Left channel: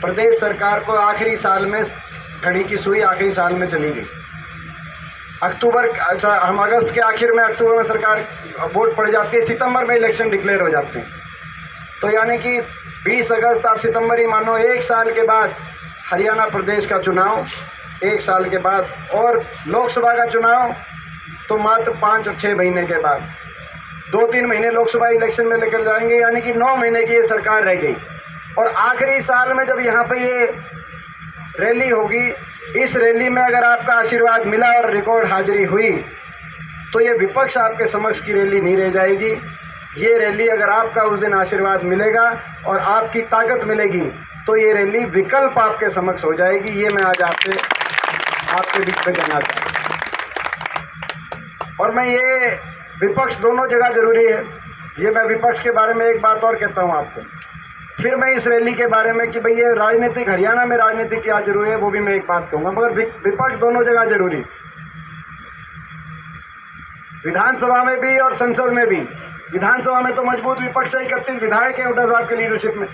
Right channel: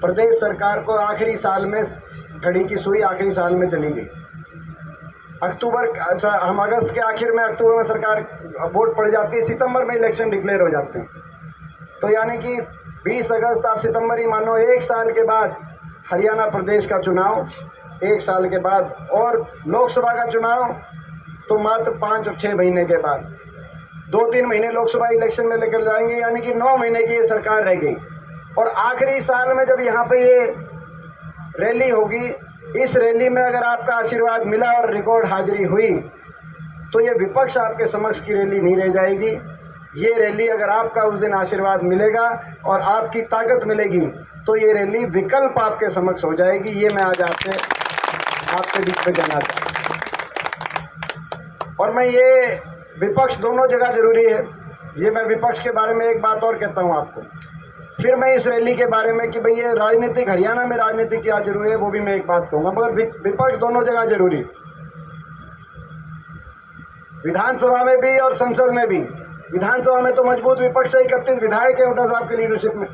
प्रदेश सरकार को आखिरी साल में घड़ी की सुई आखिरी साल में चली गई। हम अगस्त के आखिर में, अक्टूबर में सरकार वोट पड़ जाती है, सितंबर में इलेक्शन डिक्लेयर हो जाते हैं। तो यानी कि 20 अगस्त आप सितंबर ही मानो, एक साल के बाद हरियाणा प्रदेश का चुनाव, एक साल के बाद, और लोकसभा का चुनाव तो मात्र 5 और 6 महीने के बाद। 2-3 महीने लोकसभा इलेक्शन में लेकर जाएंगे, यानी कि 9 महीने की ये सरकार रह गई। और आखिरी साल में जब यहाँ पे ये रैली होगी, इस रैली में अगर आपका आशीर्वाद मिला और रिकॉर्ड हाजिरी हुई तो ये विपक्ष आपके समक्ष की रैली नहीं रह जाएगी। ये रैली अगर आपका उस दिन आशीर्वाद मिलेगा और आपकी ताकत मिलेगी तो ये रैली विकल्प आपके समक्ष हो जाएगी। ये मैं आज आपके बीच में कहना चाहता हूँ। और मैं ये विपक्ष दोनों जगह जरूरी है, ये मैं विपक्ष के बारे में एक बात और कहता हूँ आपको। फिर मैं इस रैली के बारे में कि भाई ये राजनीतिक, हरियाणा में राजनीतिक क्या जरूरी है वो भी मैं एक बात कहूँगा, मगर विपक्ष दोनों जगह जरूरी, विधानसभा में भी और संसद में भी। विधानसभा में तो मजबूत विपक्ष है, 31 विधायक है हुड्डा साहब की लीडरशिप में,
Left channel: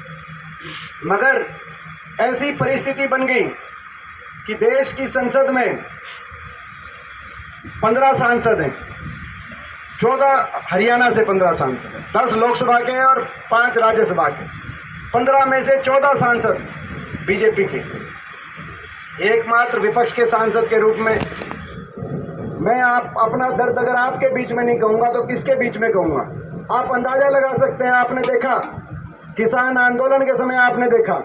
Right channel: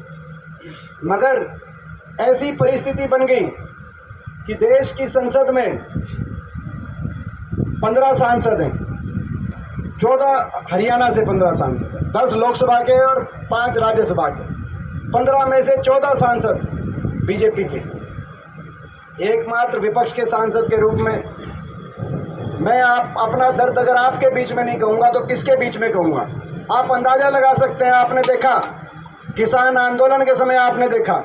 मगर ऐसी परिस्थिति बन गई कि देश की संसद में 15 सांसद हैं, 14 हरियाणा से 15 सांसद, 10 लोकसभा के और 5 राज्यसभा के। 15 में से 14 सांसद बीजेपी के। एकमात्र विपक्ष के सांसद के रूप में मैं अपना दर्द अगर आपके बीच में नहीं कहूँगा तो किसके बीच में कहूँगा? आप अंदाजा लगा सकते हैं। आपने देखा किसान आंदोलन के समय, आपने देखा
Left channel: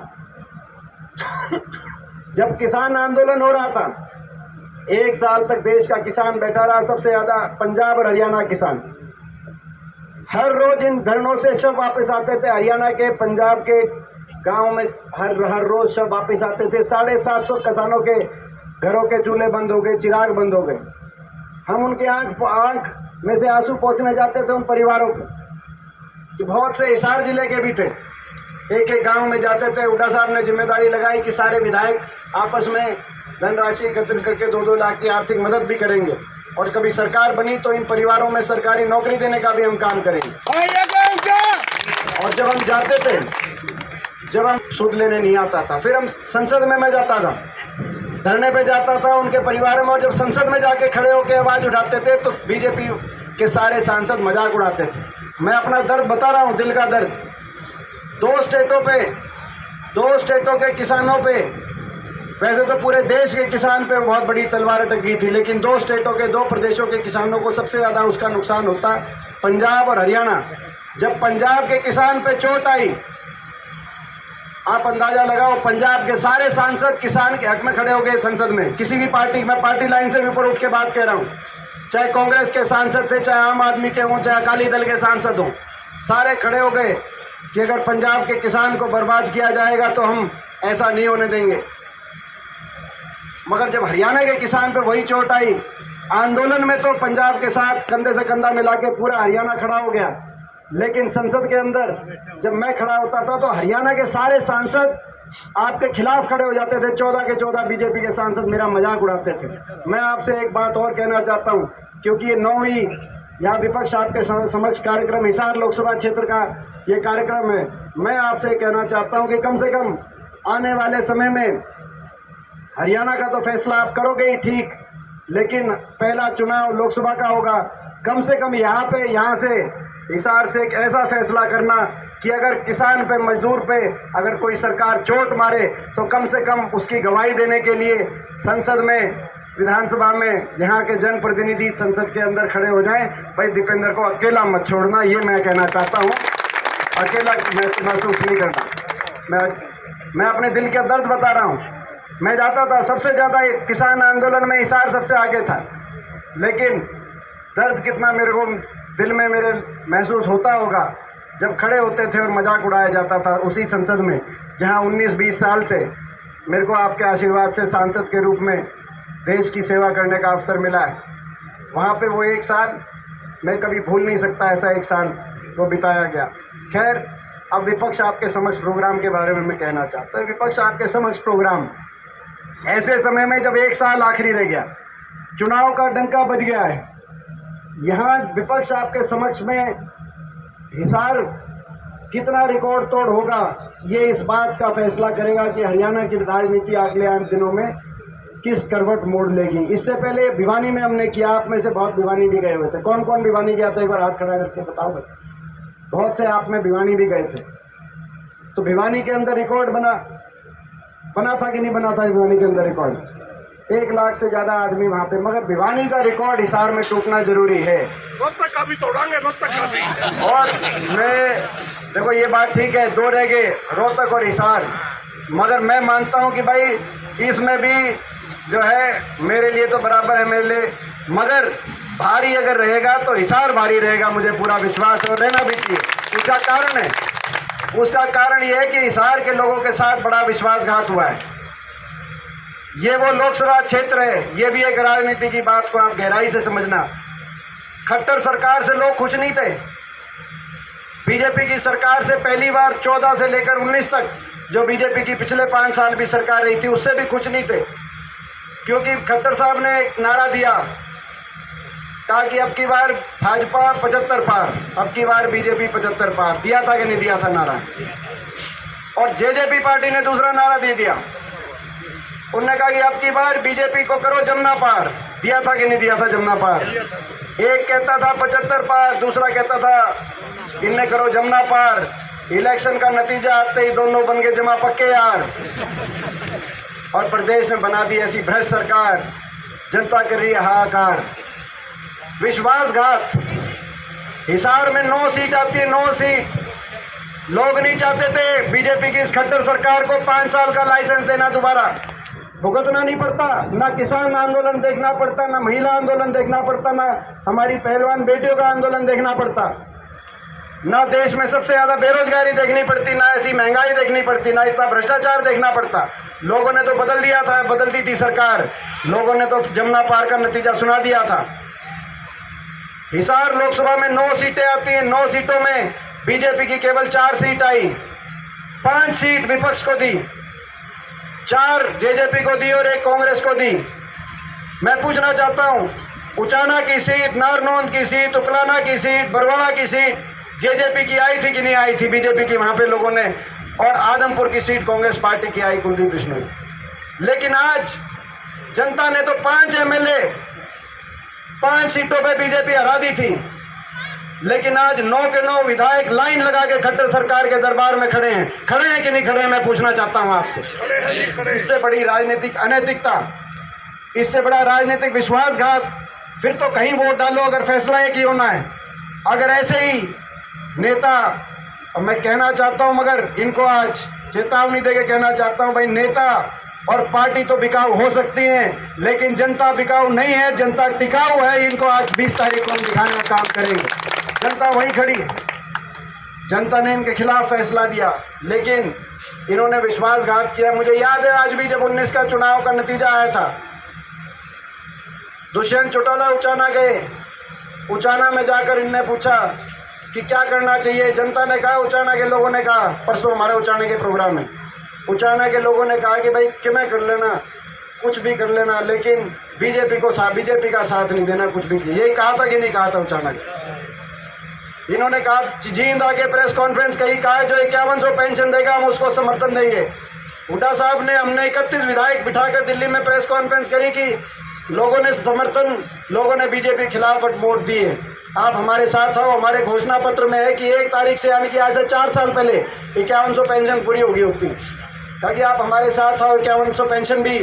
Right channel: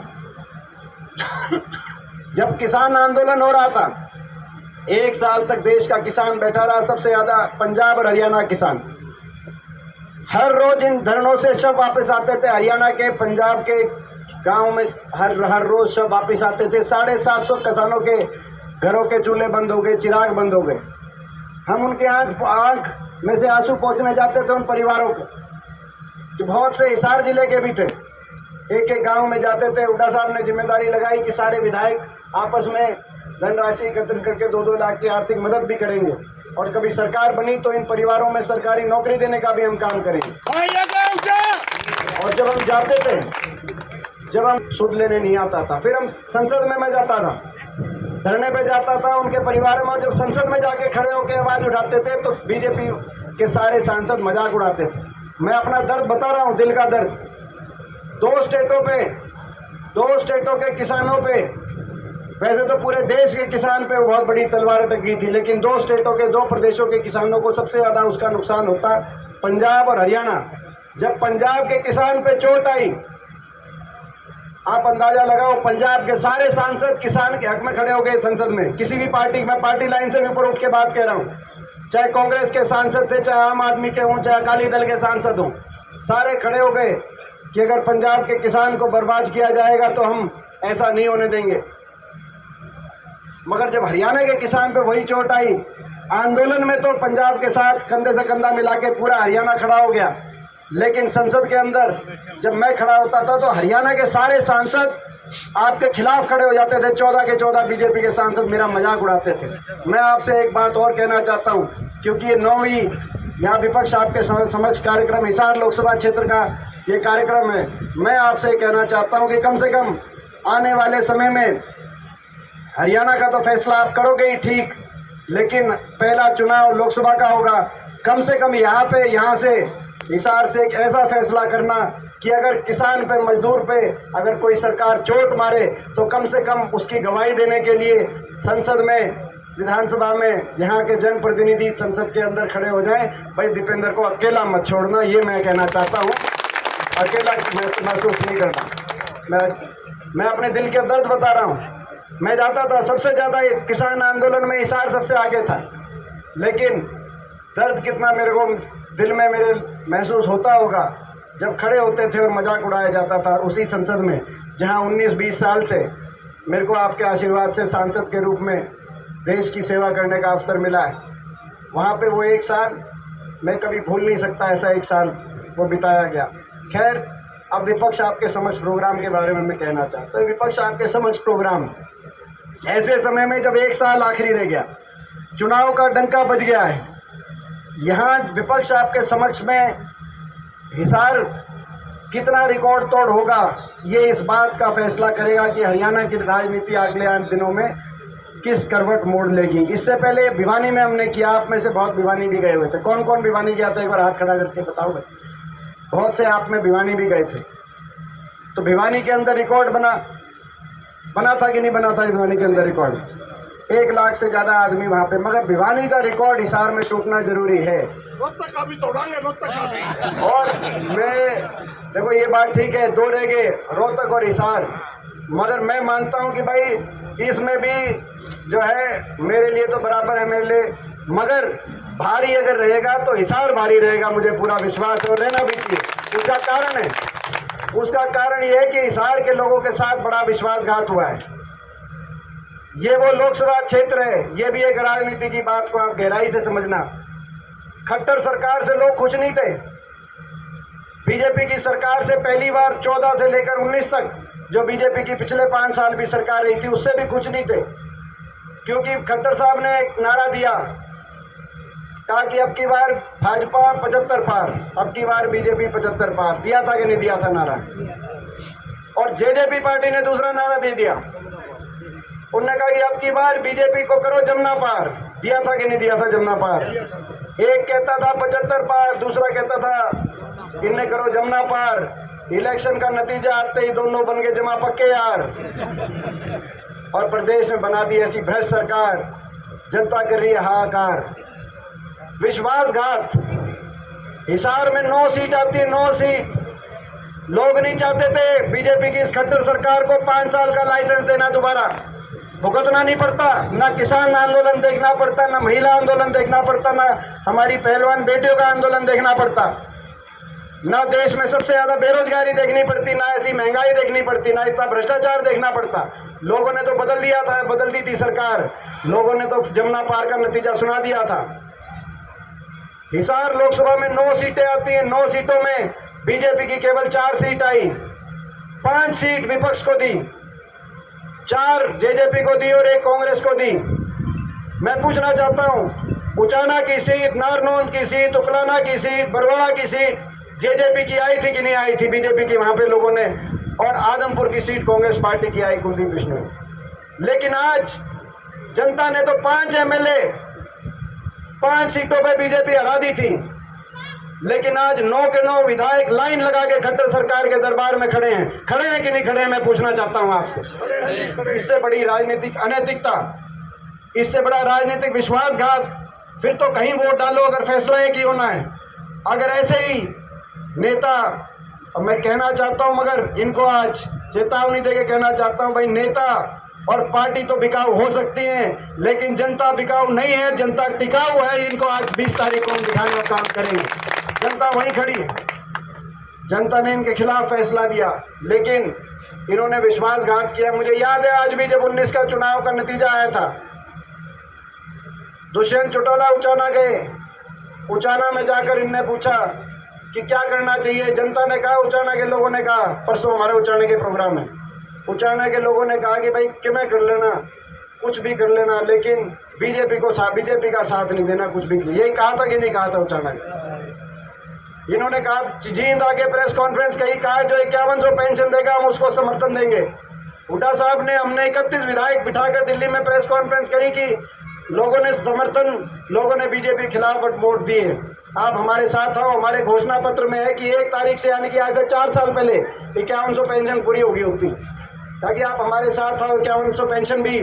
जब किसान आंदोलन हो रहा था, 1 साल तक देश का किसान बैठा रहा, सबसे ज़्यादा पंजाब और हरियाणा किसान। हर रोज इन धरनों से शव वापस आते थे, हरियाणा के, पंजाब के गांव में हर रोज शव वापस आते थे। 750 किसानों के घरों के चूल्हे बंद हो गए, चिराग बंद हो गए। हम उनके आंख में से आंसू पोंछने जाते थे उन परिवारों को, जो बहुत से हिसार जिले के भी थे। एक एक गांव में जाते थे। हुड्डा साहब ने जिम्मेदारी लगाई कि सारे विधायक आपस में धनराशि एकत्र करके 2-2 लाख की आर्थिक मदद भी करेंगे, और कभी सरकार बनी तो इन परिवारों में सरकारी नौकरी देने का भी हम काम करेंगे। और जब हम जाते थे, जब हम सूद लेने नहीं आता था, फिर हम संसद में मैं जाता था, धरने पे जाता था उनके परिवारों में, और जब संसद में जाके खड़े होकर आवाज़ उठाते थे तो बीजेपी के सारे सांसद मजाक उड़ाते थे। मैं अपना दर्द बता रहा हूँ, दिल का दर्द। 2 स्टेटों के किसानों पे, वैसे तो पूरे देश के किसान पे बहुत बड़ी तलवार अटक गई थी, लेकिन 2 स्टेटों के, 2 प्रदेशों के किसानों को सबसे ज़्यादा उसका नुकसान होता है, पंजाब और हरियाणा। जब पंजाब के किसान पे चोट आई, आप अंदाजा लगाओ, पंजाब के सारे सांसद किसान के हक में खड़े हो गए संसद में। किसी भी पार्टी, मैं पार्टी लाइन से भी ऊपर उठ के बात कह रहा हूँ, चाहे कांग्रेस के सांसद थे, चाहे आम आदमी के हों, चाहे अकाली दल के सांसद हों, सारे खड़े हो गए कि अगर पंजाब के किसान को बर्बाद किया जाएगा तो हम ऐसा नहीं होने देंगे। मगर जब हरियाणा के किसान पे वही चोट आई, आंदोलन में तो पंजाब के साथ कंधे से कंधा मिला के पूरा हरियाणा खड़ा हो गया, लेकिन संसद के अंदर जब मैं खड़ा होता था तो हरियाणा के सारे सांसद आपके खिलाफ खड़े हो जाते थे। 14 के 14 बीजेपी के सांसद मेरा मजाक उड़ाते थे। मैं आपसे एक बात और कहना चाहता हूँ, क्योंकि ये 9वीं यहाँ विपक्ष आपके समक्ष कार्यक्रम, हिसार लोकसभा क्षेत्र का ये कार्यक्रम है। मैं आपसे कहना चाहता हूँ कि कम से कम आने वाले समय में हरियाणा का तो फैसला आप करोगे ही ठीक, लेकिन पहला चुनाव लोकसभा का होगा। कम से कम यहाँ से हिसार से एक ऐसा फैसला करना कि अगर किसान पे, मजदूर पे अगर कोई सरकार चोट मारे तो कम से कम उसकी गवाही देने के लिए संसद में, विधानसभा में यहाँ के जनप्रतिनिधि संसद के अंदर खड़े हो जाएं। भाई दीपेंद्र को अकेला मत छोड़ना, ये मैं कहना चाहता हूँ। अकेला महसूस नहीं करना। मैं अपने दिल का दर्द बता रहा हूँ। मैं जाता था, सबसे ज़्यादा किसान आंदोलन में हिसार सबसे आगे था, लेकिन दर्द कितना मेरे को दिल में मेरे महसूस होता होगा जब खड़े होते थे और मजाक उड़ाया जाता था उसी संसद में, जहां 19-20 साल से मेरे को आपके आशीर्वाद से सांसद के रूप में देश की सेवा करने का अवसर मिला है। वहाँ पे वो 1 साल मैं कभी भूल नहीं सकता, ऐसा 1 साल वो बिताया गया। खैर, अब विपक्ष आपके समक्ष प्रोग्राम के बारे में मैं कहना चाहता हूँ। विपक्ष आपके समक्ष प्रोग्राम ऐसे समय में जब 1 साल आखिरी रह गया, चुनाव का डंका बज गया है, यहाँ विपक्ष आपके समक्ष में हिसार कितना रिकॉर्ड तोड़ होगा ये इस बात का फैसला करेगा कि हरियाणा की राजनीति अगले आने दिनों में किस करवट मोड़ लेगी। इससे पहले भिवानी में हमने किया, आप में से बहुत भिवानी भी गए हुए थे। कौन कौन भिवानी गया था, एक बार हाथ खड़ा करके बताओ भाई। बहुत से आप में भिवानी भी गए थे। तो भिवानी के अंदर रिकॉर्ड बना था कि नहीं बना था? भिवानी के अंदर रिकॉर्ड 1 लाख से ज्यादा आदमी वहां पे। मगर भिवानी का रिकॉर्ड हिसार में टूटना जरूरी है। रोहतक का भी तोड़ांगे, रोहतक का भी। और मैं देखो, ये बात ठीक है, 2 रह गए, रोहतक और हिसार। मगर मैं मानता हूं कि भाई इसमें भी जो है मेरे लिए तो बराबर है मेरे लिए, मगर भारी अगर रहेगा तो हिसार भारी रहेगा, मुझे पूरा विश्वास है, और रहना भी चाहिए। उसका कारण ये है कि हिसार के लोगों के साथ बड़ा विश्वासघात हुआ है। ये वो लोकसभा क्षेत्र है, ये भी एक राजनीति की बात को आप गहराई से समझना। खट्टर सरकार से लोग खुश नहीं थे। बीजेपी की सरकार से पहली बार 14 से लेकर 19 तक जो बीजेपी की पिछले 5 साल भी सरकार रही थी, उससे भी खुश नहीं थे, क्योंकि खट्टर साहब ने एक नारा दिया, कहा कि अब की बार भाजपा 75 पार, अब की बार बीजेपी 75 पार। दिया था कि नहीं दिया था नारा? और जेजेपी पार्टी ने दूसरा नारा दे दिया, उन्होंने कहा कि अब की बार बीजेपी को करो जमुना पार। दिया था कि नहीं दिया था जमुना पार? एक कहता था 75 पार, दूसरा कहता था इन्हें करो जमुना पार। इलेक्शन का नतीजा आते ही दोनों बन गए जमा पक्के यार, और प्रदेश में बना दी ऐसी भ्रष्ट सरकार। जनता कर रही है हाहाकार। विश्वासघात। हिसार में 9 सीट आती है, 9 सीट। लोग नहीं चाहते थे बीजेपी की इस खट्टर सरकार को 5 साल का लाइसेंस देना, दोबारा भुगतना नहीं पड़ता, ना किसान आंदोलन देखना पड़ता, ना महिला आंदोलन देखना पड़ता, ना हमारी पहलवान बेटियों का आंदोलन देखना पड़ता, ना देश में सबसे ज्यादा बेरोजगारी देखनी पड़ती, ना ऐसी महंगाई देखनी पड़ती, ना इतना भ्रष्टाचार देखना पड़ता। लोगों ने तो बदल दिया था, बदल दी थी सरकार, लोगों ने तो जमुना पार का नतीजा सुना दिया था। हिसार लोकसभा में 9 सीटें आती हैं, 9 सीटों में बीजेपी की केवल 4 सीट आई, 5 सीट विपक्ष को दी, 4 जेजेपी को दी और 1 कांग्रेस को दी। मैं पूछना चाहता हूं, उचाना की सीट, नारनौंद की सीट, उकलाना की सीट, बरवाड़ा की सीट जेजेपी की आई थी कि नहीं आई थी? बीजेपी की वहां पे लोगों ने, और आदमपुर की सीट कांग्रेस पार्टी की आई कुलदीप बिश्नोई। लेकिन आज जनता ने तो 5 एमएलए 5 सीटों पे बीजेपी हरा दी थी, लेकिन आज 9 के 9 विधायक लाइन लगा के खट्टर सरकार के दरबार में खड़े हैं कि नहीं खड़े हैं? मैं पूछना चाहता हूं आपसे। इससे बड़ी राजनीतिक अनैतिकता, इससे बड़ा राजनीतिक विश्वासघात फिर तो कहीं वोट डालो अगर फैसला एक ही होना है। अगर ऐसे ही नेता, अब मैं कहना चाहता हूं, मगर इनको आज चेतावनी देके कहना चाहता हूं, भाई नेता और पार्टी तो बिकाऊ हो सकती हैं, लेकिन जनता बिकाऊ नहीं है, जनता टिकाऊ है। इनको आज 20 तारीख को दिखाने का काम करेंगे। जनता वहीं खड़ी है, जनता ने इनके खिलाफ फैसला दिया, लेकिन इन्होंने विश्वासघात किया। मुझे याद है आज भी जब 19 का चुनाव का नतीजा आया था, दुष्यंत चौटाला उचाना गए, उचाना में जाकर इनने पूछा कि क्या करना चाहिए। जनता ने कहा, उचाना के लोगों ने कहा, परसों हमारे उचाना के प्रोग्राम में उचाना के लोगों ने कहा कि भाई किमें कर लेना, कुछ भी कर लेना, लेकिन बीजेपी का साथ नहीं देना, कुछ भी। यही कहा था कि नहीं कहा था उचाना ने? इन्होंने कहा, जींद आके प्रेस कॉन्फ्रेंस कही, कहा जो 5100 पेंशन देगा हम उसको समर्थन देंगे। हुड्डा साहब ने, हमने 31 विधायक बिठाकर दिल्ली में प्रेस कॉन्फ्रेंस करी कि लोगों ने समर्थन, लोगों ने बीजेपी के खिलाफ वोट दिए, आप हमारे साथ आओ। हमारे घोषणा पत्र में है कि 1 तारीख से, यानी कि आज से 4 साल पहले 5100 पेंशन पूरी होगी होती, ताकि आप हमारे साथ आओ, 5100 पेंशन भी